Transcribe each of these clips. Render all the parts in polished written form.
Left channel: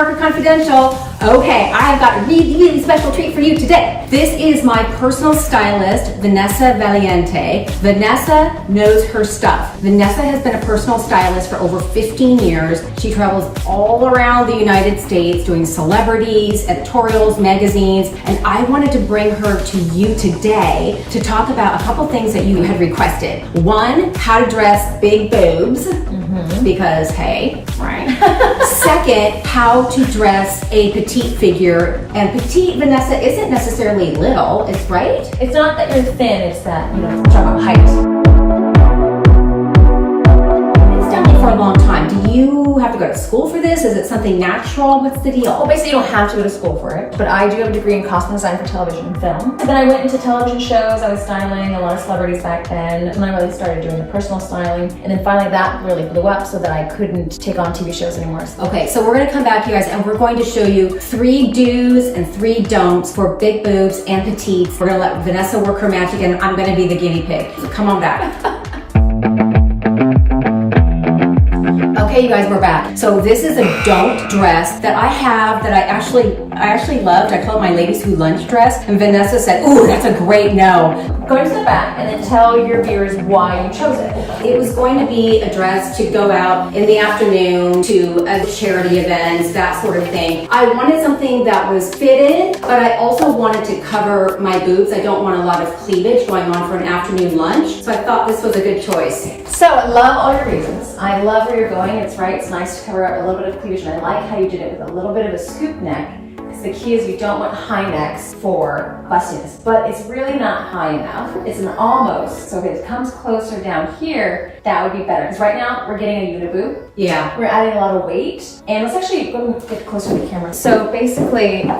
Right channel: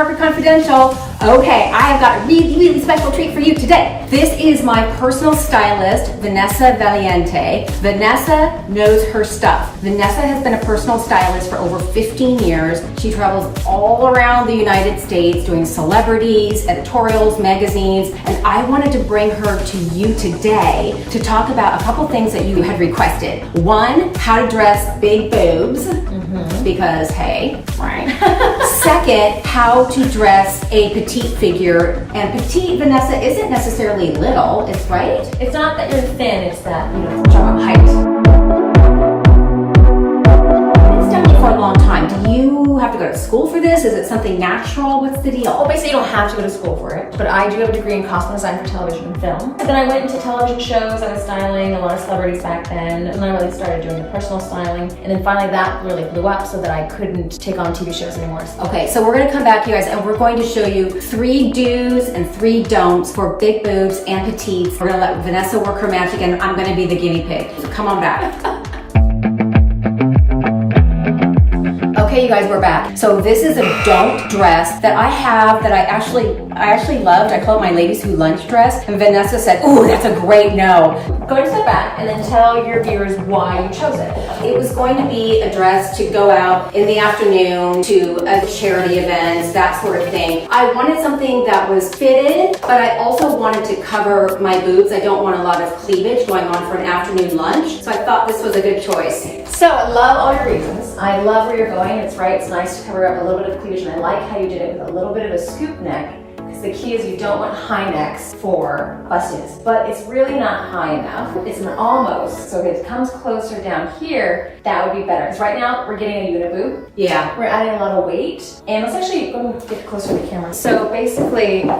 Parker Confidential. Okay, I have got a really, really special treat for you today. This is my personal stylist, Vanessa Valiente. Vanessa knows her stuff. Vanessa has been a personal stylist for over 15 years. She travels all around the United States doing celebrities, editorials, magazines, and I wanted to bring her to you today to talk about a couple things that you had requested. One, how to dress big boobs, because hey, right? Second, how to dress a petite figure. And petite, Vanessa, isn't necessarily little, it's right? It's not that you're thin, it's that, you know, we're talking about height. It's done it for a long time. Do you have to go to school for this? Is it something natural? What's the deal? Well, basically you don't have to go to school for it, but I do have a degree in costume design for television and film. But then I went into television shows, I was styling a lot of celebrities back then, and then I really started doing the personal styling, and then finally that really blew up so that I couldn't take on TV shows anymore. Okay, so we're gonna come back, you guys, and we're going to show you 3 do's and 3 don'ts for big boobs and petites. We're gonna let Vanessa work her magic, and I'm gonna be the guinea pig. So come on back. Okay, you guys, we're back. So this is a don't dress that I have that I actually loved. I call it my ladies who lunch dress. And Vanessa said, ooh, that's a great no. Go ahead and step back and then tell your viewers why you chose it. It was going to be a dress to go out in the afternoon to a charity event, that sort of thing. I wanted something that was fitted, but I also wanted to cover my boobs. I don't want a lot of cleavage going on for an afternoon lunch. So I thought this was a good choice. So I love all your reasons. I love where you're going. It's right. It's nice to cover up a little bit of cleavage, and I like how you did it with a little bit of a scoop neck. Because the key is you don't want high necks for bustiness, but it's really not high enough. It's an almost. So if it comes closer down here, that would be better. Because right now we're getting a uniboob. Yeah. We're adding a lot of weight, and let's actually go and get closer to the camera. So basically,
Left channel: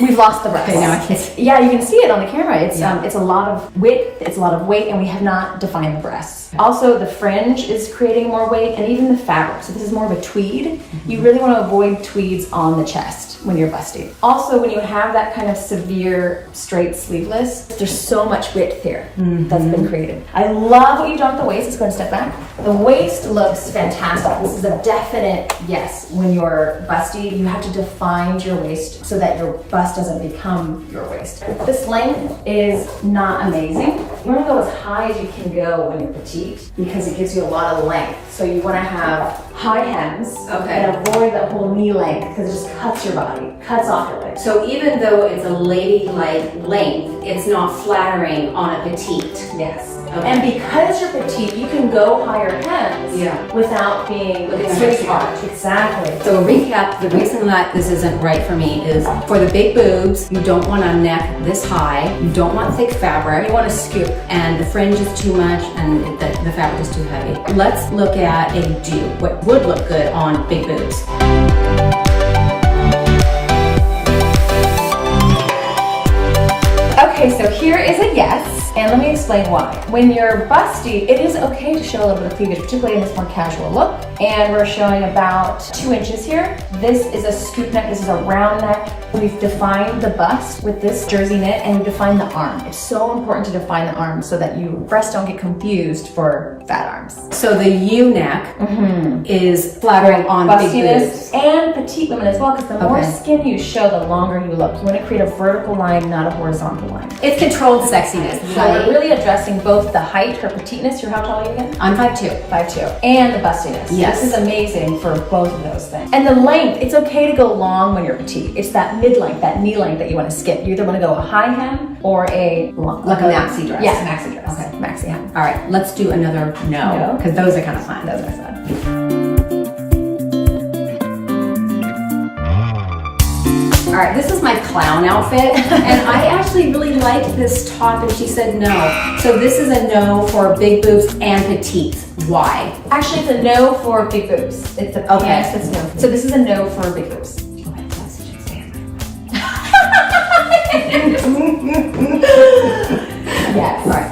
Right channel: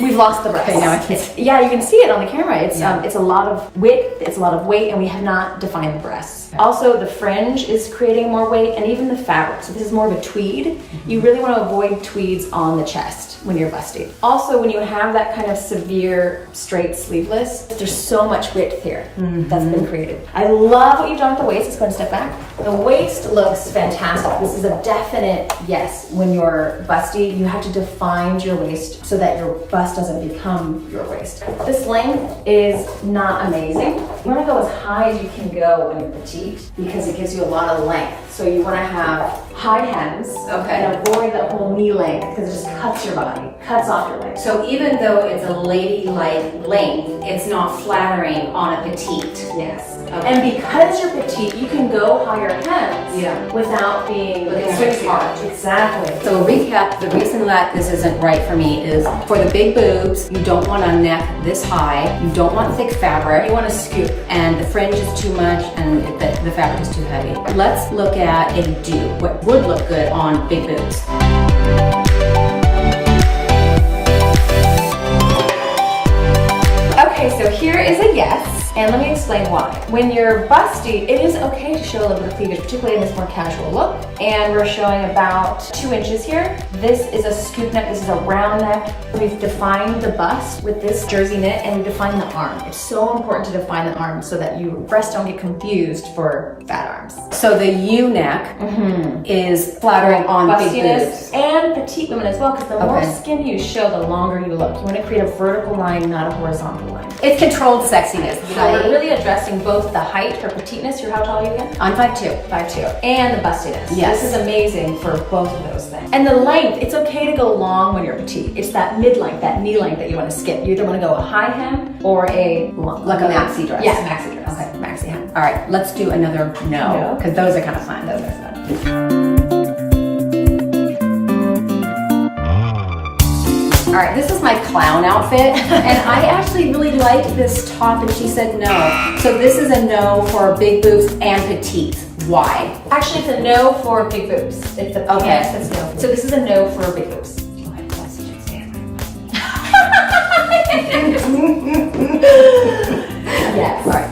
we've lost the breast. Okay, now I can see. Yeah, you can see it on the camera. It's it's a lot of width, it's a lot of weight, and we have not defined the breasts. Also, the fringe is creating more weight, and even the fabric. So this is more of a tweed. You really want to avoid tweeds on the chest when you're busty. Also, when you have that kind of severe straight sleeveless, there's so much width here that's been created. I love what you've done with the waist. Let's go and step back. The waist looks fantastic. This is a definite yes. When you're busty, you have to define your waist so that your bust doesn't become your waist. This length is not amazing. You want to go as high as you can go when you're petite because it gives you a lot of length. So you want to have high hems and avoid that whole knee length because it just cuts your body, cuts off your legs. So even though it's a ladylike length, it's not flattering on a petite. Yes. Okay. And because you're petite, you can go higher hems without being sweetheart. Exactly. So recap, the reason that this isn't right for me is for the big boobs, you don't want a neck this high, you don't want thick fabric, You want to scoop. and the fringe is too much and the fabric is too heavy. Let's look at a do, what would look good on big boobs. Okay, so here is a yes, and let me explain why. When you're busty, it is okay to show a little bit of cleavage, particularly in this more casual look. And we're showing about 2 inches here. This is a scoop neck, this is a round neck. We've defined the bust with this jersey knit, and we've defined the arm. It's so important to define the arm so that your breasts don't get confused for fat arms. So the U neck is flattering on big boobs. Bustiness and petite women as well, because the more skin you show, the longer you look. You want to create a vertical line, not a horizontal line. It's controlled sexiness. So we're really addressing both the height, her petiteness. You're how tall are you again? I'm 5'2". 5'2", and the bustiness. Yes. This is amazing for both of those things. And the length, it's okay to go long when you're petite. It's that mid-length, that knee length that you want to skip. You either want to go a high hem or a Like a maxi dress. Yeah, maxi dress. Okay. Maxi hem. All right, let's do another no, because those are kind of fun. Those are fun. All right, this is my clown outfit, and I actually really liked this top, and she said no. So this is a no for big boobs and petites. Why? Actually, it's a no for big boobs. It's a pants that's no for. So this is a no for big boobs. Yes. All right.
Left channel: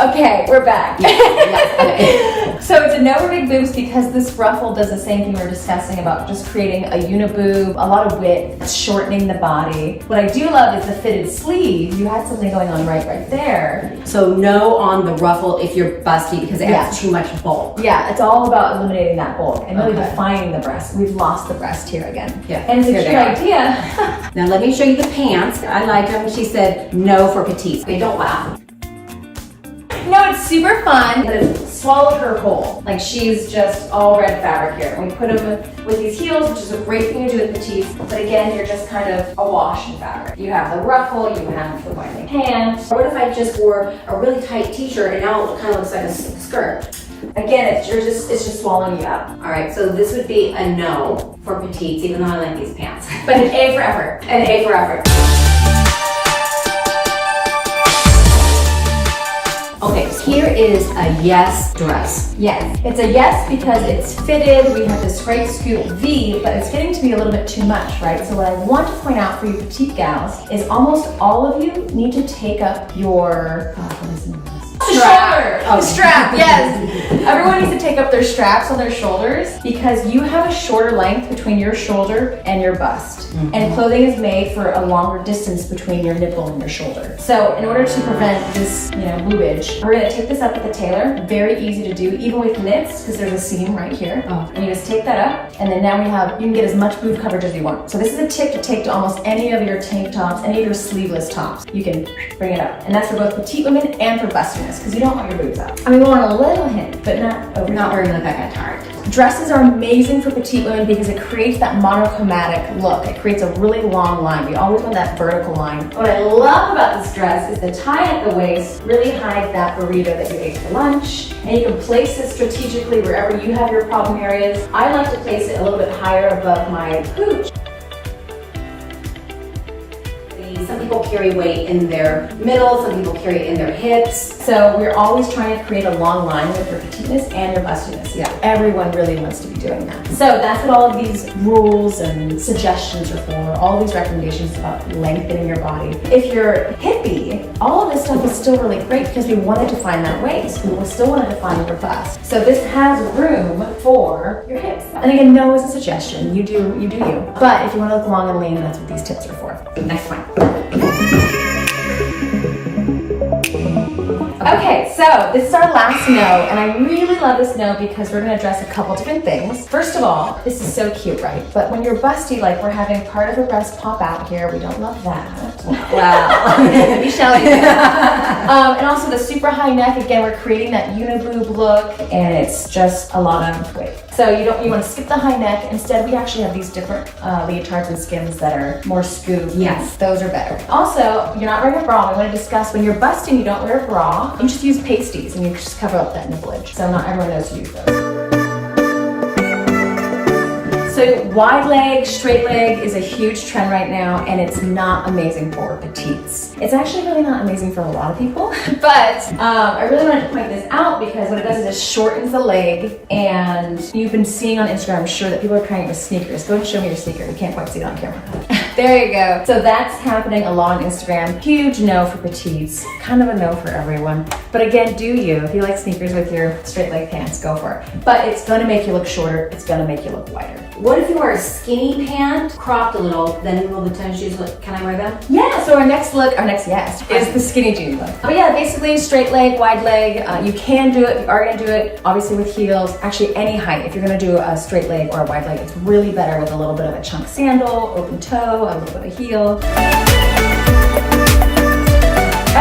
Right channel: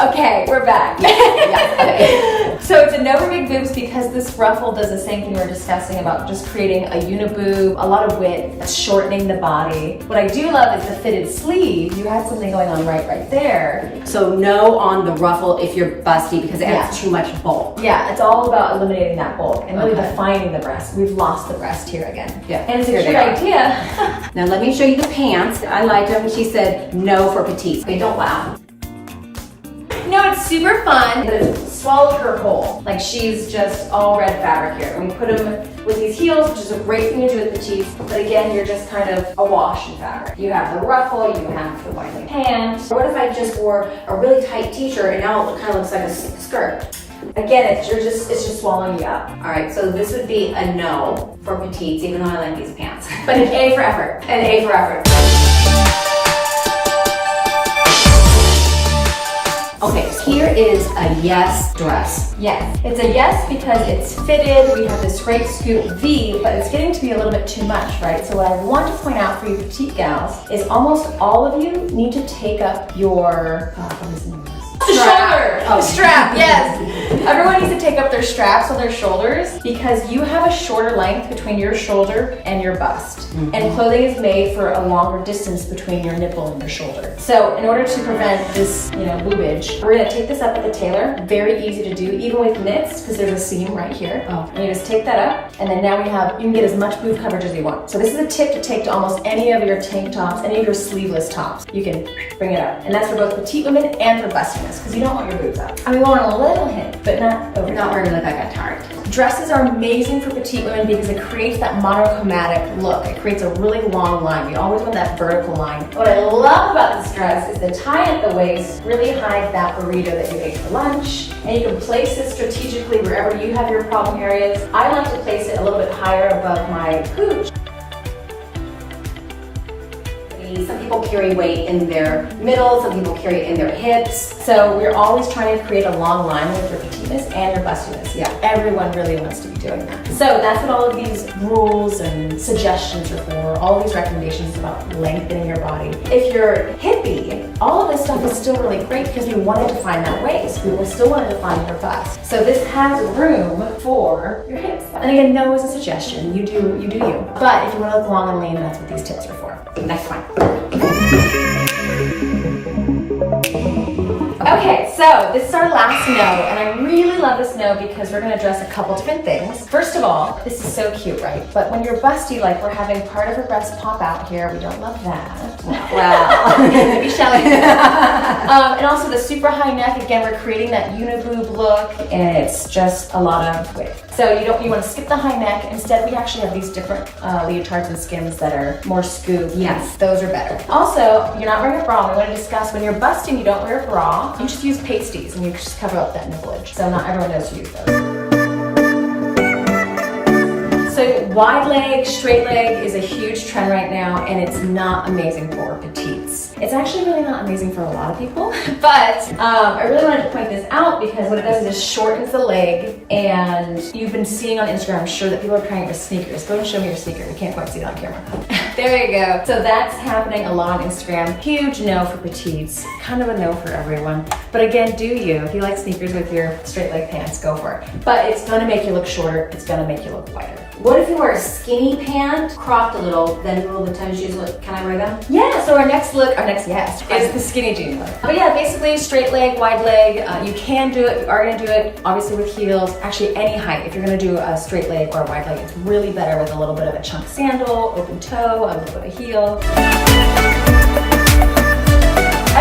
Okay, we're back. Okay. So it's a no for big boobs because this ruffle does the same thing we were discussing about just creating a uniboob, a lot of width, shortening the body. What I do love is the fitted sleeve. You had something going on right there. So no on the ruffle if you're busty because it has too much bulk. Yeah, it's all about eliminating that bulk and really defining the breast. We've lost the breast here again. Yeah. And it's a cute idea. Now let me show you the pants. I like them. She said no for petites. Okay, don't laugh. No, it's super fun, but it swallowed her whole. Like she's just all red fabric here. And we put them with these heels, which is a great thing to do with petites, but again, you're just kind of awash in fabric. You have the ruffle, you have the wide leg pants. What if I just wore a really tight t-shirt and now it kind of looks like a skirt? Again, it's just swallowing you up. All right, so this would be a no for petites, even though I like these pants. But an A for effort. An A for effort. Okay, so here is a yes dress. Yes, it's a yes because it's fitted. We have this great scoop V, but it's getting to be a little bit too much, right? So what I want to point out for you petite gals is almost all of you need to take up your the shoulder, the strap, yes. Everyone needs to take up their straps on their shoulders because you have a shorter length between your shoulder and your bust. And clothing is made for a longer distance between your nipple and your shoulder. So in order to prevent this, boobage, we're gonna take this up at the tailor. Very easy to do, even with knits, because there's a seam right here. And you just take that up, and then now you can get as much boob coverage as you want. So this is a tip to take to almost any of your tank tops, any of your sleeveless tops. You can bring it up. And that's for both petite women and for bustiness, because you don't want your boobs out. I mean, we want a little hint, but not over. Not where you look like a tart. Dresses are amazing for petite women because it creates that monochromatic look. It creates a really long line. We always want that vertical line. What I love about this dress is the tie at the waist really hides that burrito that you ate for lunch. And you can place it strategically wherever you have your problem areas. I like to place it a little bit higher above my pooch. Some people carry weight in their middle, some people carry it in their hips. So we're always trying to create a long line with your petiteness and your bustiness. Yeah. Everyone really wants to be doing that. So that's what all of these rules and suggestions are for. All these recommendations about lengthening your body. If you're hippie, all of this stuff is still really great because we wanted to find that waist. We still wanted to find your bust. So this has room for your hips. And again, no is a suggestion. You do you. But if you want to look long and lean, that's what these tips are for. Next one. Okay, so this is our last no, and I really love this no because we're gonna address a couple different things. First of all, this is so cute, right? But when you're busty, like we're having part of her breast pop out here, we don't love that. Wow. Maybe Shelly. And also the super high neck, again, we're creating that uniboob look, and it's just a lot of width. So you want to skip the high neck. Instead, we actually have these different leotards and skims that are more scoop. Yes. Those are better. Also, you're not wearing a bra. We want to discuss when you're busting, you don't wear a bra. You just use pasties and you just cover up that nipplage. So not everyone knows to use those. So wide leg, straight leg is a huge trend right now, and it's not amazing for petites. It's actually really not amazing for a lot of people, but I really wanted to point this out because what it does is it shortens the leg, and you've been seeing on Instagram, I'm sure that people are trying it with sneakers. Go and show me your sneaker. We can't quite see it on camera. There you go. So that's happening a lot on Instagram. Huge no for petites, kind of a no for everyone. But again, do you. If you like sneakers with your straight leg pants, go for it. But it's gonna make you look shorter. It's gonna make you look wider. What if you wear a skinny pant, cropped a little, then you roll the tennis shoes? Can I wear them? Yeah, so our next yes, is the skinny jean look. But yeah, basically straight leg, wide leg. You can do it, you are gonna do it, obviously with heels. Actually, any height. If you're gonna do a straight leg or a wide leg, it's really better with a little bit of a chunk sandal, open toe, a little bit of heel.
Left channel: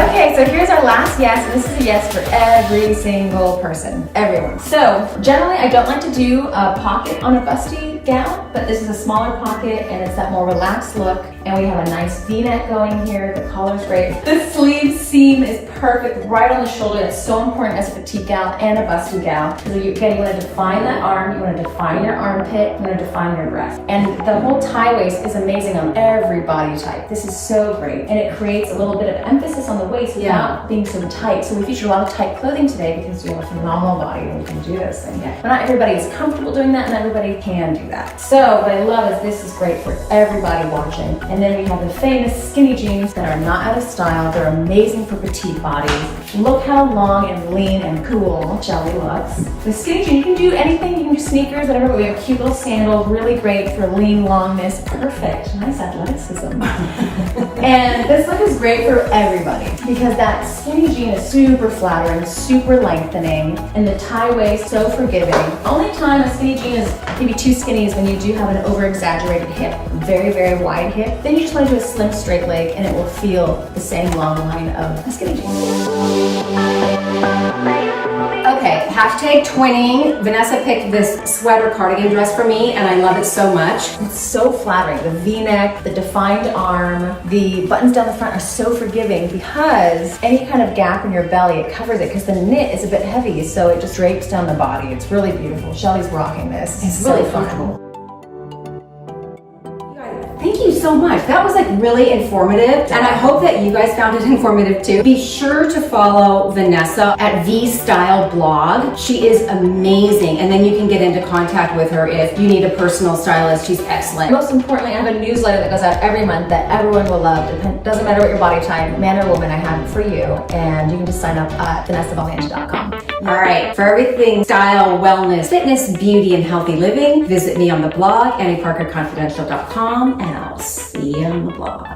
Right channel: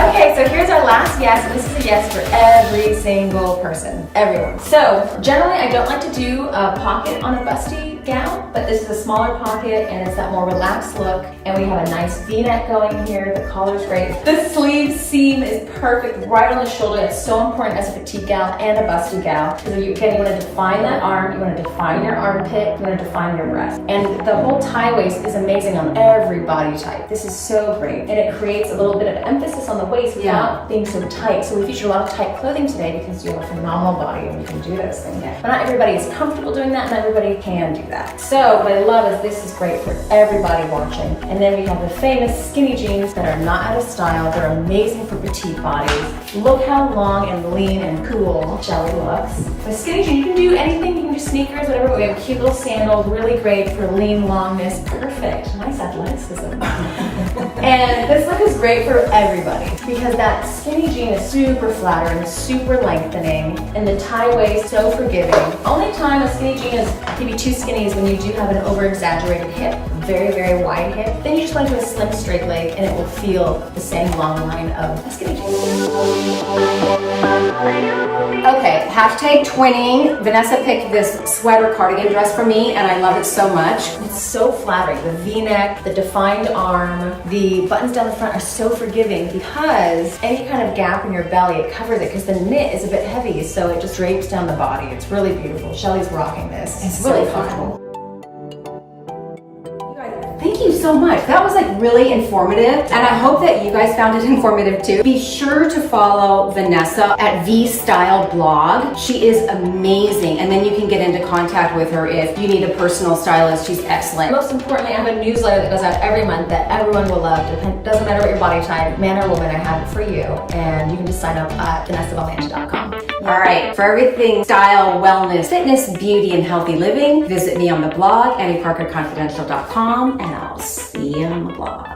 Okay, so here's our last yes, and this is a yes for every single person, everyone. So generally, I don't like to do a pocket on a busty gown, but this is a smaller pocket, and it's that more relaxed look, and we have a nice V-neck going here. The collar's great. The sleeve seam is perfect right on the shoulder. It's so important as a petite gal and a busty gal. So again, you want to define that arm, you want to define your armpit, you want to define your breast. And the whole tie waist is amazing on every body type. This is so great, and it creates a little bit of emphasis on the waist without being so tight. So we feature a lot of tight clothing today because you have a phenomenal body and you can do those things. But not everybody is comfortable doing that, and everybody can do that. that. So what I love is this is great for everybody watching. And then we have the famous skinny jeans that are not out of style. They're amazing for petite bodies. Look how long and lean and cool Shelly looks. The skinny jean, you can do anything. You can do sneakers, whatever. We have a cute little sandal, really great for lean longness. Perfect. Nice athleticism. And this look is great for everybody because that skinny jean is super flattering, super lengthening, and the tie waist so forgiving. Only time a skinny jean is maybe too skinny is when you do have an over-exaggerated hip, very, very wide hip. Then you just want to do a slim straight leg and it will feel the same long line of a skinny jean. Okay, hashtag twinning. Vanessa picked this sweater cardigan dress for me and I love it so much. It's so flattering. The V-neck, the defined arm, the buttons down the front are so forgiving because any kind of gap in your belly, it covers it because the knit is a bit heavy, so it just drapes down the body. It's really beautiful. Shelly's rocking this. It's really fun. Thank you so much. That was like really informative and I hope that you guys found it informative too. Be sure to follow Vanessa at V Style Blog. She is amazing and then you can get into contact with her if you need a personal stylist. She's excellent. Most importantly, I have a newsletter that goes out every month that everyone will love. It doesn't matter what your body type, man or woman, I have it for you. And you can just sign up at vanessavaliente.com. All right, for everything style, wellness, fitness, beauty, and healthy living, visit me on the blog, AnnieParkerConfidential.com, and I'll see you on the blog.